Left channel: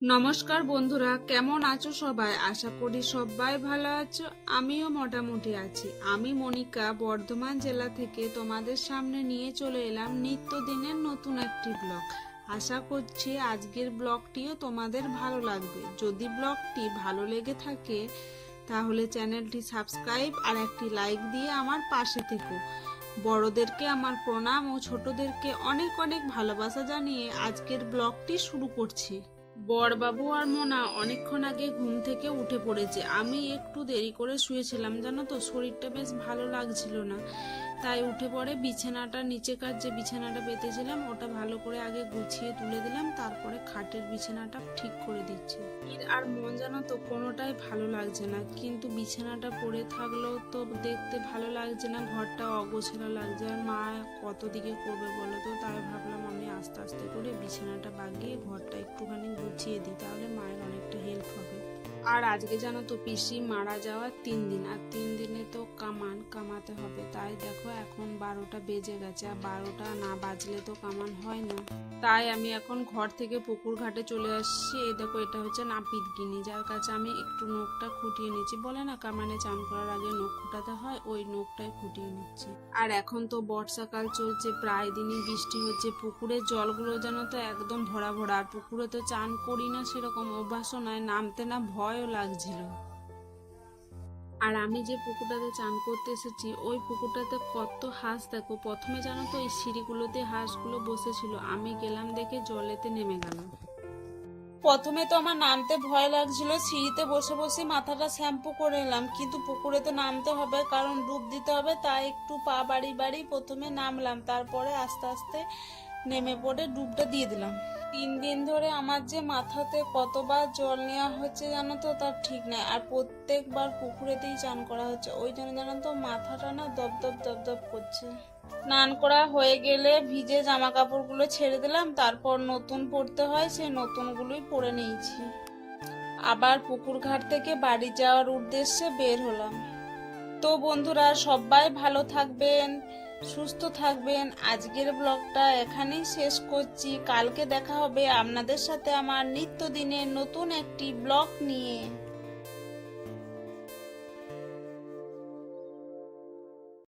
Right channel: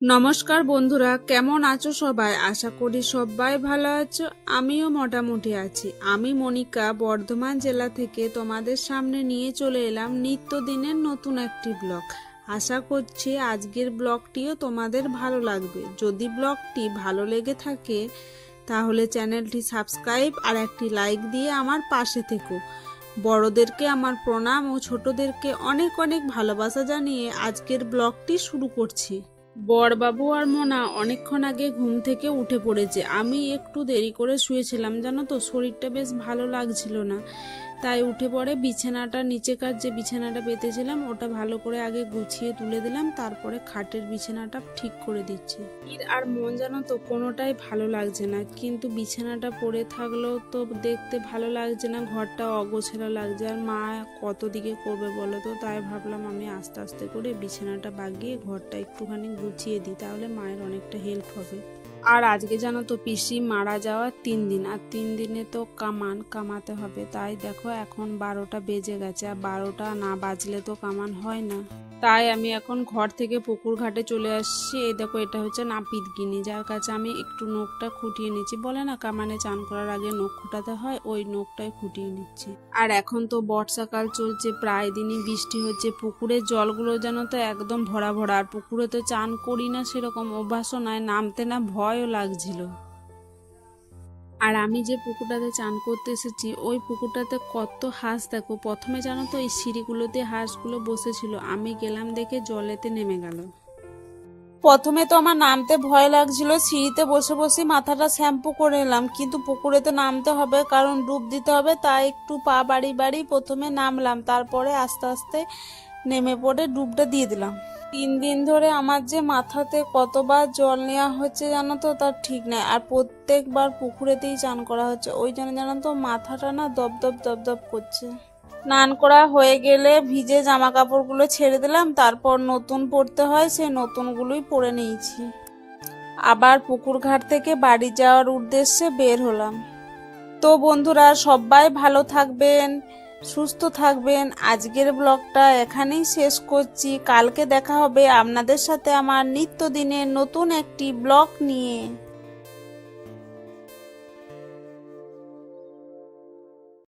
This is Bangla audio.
নমস্কার বন্ধুরা, কেমন আছো সবাই? আশা করি সবাই ভালো আছো। আমিও মোটামুটি আছি। আমি মনিকা বর্ধমান জেলা থেকে তোমাদের সামনে নিয়ে চলে এলাম নিত্যদিনের নতুন একটি ব্লগ। আশা করছি আজকের ব্লগটিও তোমাদের ভালো লাগবে। যদি ব্লগটি ভালো লেগে থাকে তাহলে চ্যানেলটি সাবস্ক্রাইব আর একটি লাইক দিয়ে আমার পাশে থেকো। বড়দেরকে আমার প্রণাম ও ছোটদেরকে অনেক অনেক ভালোবাসা জানিয়ে আজকের ব্লগটি শুরু করছি। বড়বাবু আর মোনা অনেকক্ষণ আগে ঘুম থেকে উঠে পড়েছে। আমি একটু দেরি করে শুয়েছিলাম, জানো তো, শরীরটা বেশ ভালো লাগছিল না। তাই উঠে পড়ে বিছানাটা, নিচেকার যে বিছানাটা পেতেছিলাম ওটা ভালো করে আগে গুছিয়ে তুলে দিলাম, তারপরে খাটের বিছানাটা ঠিক করে দিচ্ছি। আর মন, জানো তো, কোনোটাই ভালো লাগছে না। কিন্তু বিছানাটা পড়ে থাকলেও তো দেখতে ভালো লাগছে না, ঘরটা অগোছালো লাগছে। আর মা কত দিকে করবে বলো তো, তাই ভাবলাম আমি আস্তে আস্তে করে বিছানাটা বাগিয়ে ঘরটা একটুখানি গুছিয়ে দিই, তাহলে মায়ের অনেকটা হেল্প হবে। আর আজকে জানো তো পিসি মারা যাওয়ার 3 দিন, আর 3 দিনে তো কামাতে হবে। তাই দেখো এখন 12টা বেজে গেছে, আর 12টা না বাজলে তো কামান হয় না। তাই আমি এখন ঘর থেকে পুকুর ঘাটে চলে আসছি। এই দেখো, এটা হচ্ছে নাপিত গিনি, যার কাছে আমি একটু নখটা খুঁটিয়ে নিচ্ছি। বলে না কামানে চান করার আগে নখ খুঁটাতে হয়, ওই নখটাই খুঁটিয়ে নিচ্ছি। আর এখন তো বর্ষাকাল চলছে, প্রায় দিনই বৃষ্টি হচ্ছে। পুকুরের জলগুলো যেন তো একদম ভরা ভরা। আর পুকুরে তো চান করি না, সেরকম অভ্যাসও নয়, নামতে না ভয়ও লাগছিল। আর আমি যে পুকুরটাতে চান করতে এসেছি ওই পুকুরটাতে কত হাঁস, দেখো। প্রথমে জানো তো এই সিঁড়িগুলোতে হাঁসগুলো বসেছিল, আমি গেলাম দেখে জলেতে নেমে গেল। প্রথমে তো আমার নামতে ভয় লাগছিল, সিঁড়িতে বসে বসে মাথাটা শ্যাম্পু করে এলাম। কিন্তু পুকুরে তো নামতে হবে, কারণ ডুব দিতে হবে, তাই একটু পা বাড়ি বাড়ি প্রথমে নামলাম, তারপরে আস্তে আস্তে নেমে পড়ে ডুবটা দিয়ে দিলাম। 3 দিন ধরে আমার যে মাথাতে কতবার জল নেওয়া হচ্ছে জানো তো, তার ঠিক নাই। আর প্রত্যেকবার পুকুরেতেই চান করা হচ্ছে, ওই জন্য জানো তো মাথাটা না দপদপ দপদপ করছে। স্নান করা হয়ে গেলে ভিজে জামা কাপড়গুলো ছেড়ে দিলাম, তারপর নতুন পরতে হয়, সেই নতুনগুলোই পরে নিয়েছি। আবার পুকুর ঘাট থেকে বাড়ি যাওয়ার উদ্দেশ্যে বের হলাম। তো বন্ধুরা, সবাই ভালো থাকবেন, সুস্থ থাকবেন। আজকের ব্লগটা এখানেই শেষ করছি। কালকে দেখা হবে আপনাদের সাথে আমার নিত্যদিনের নতুন একটি ব্লগ নিয়ে।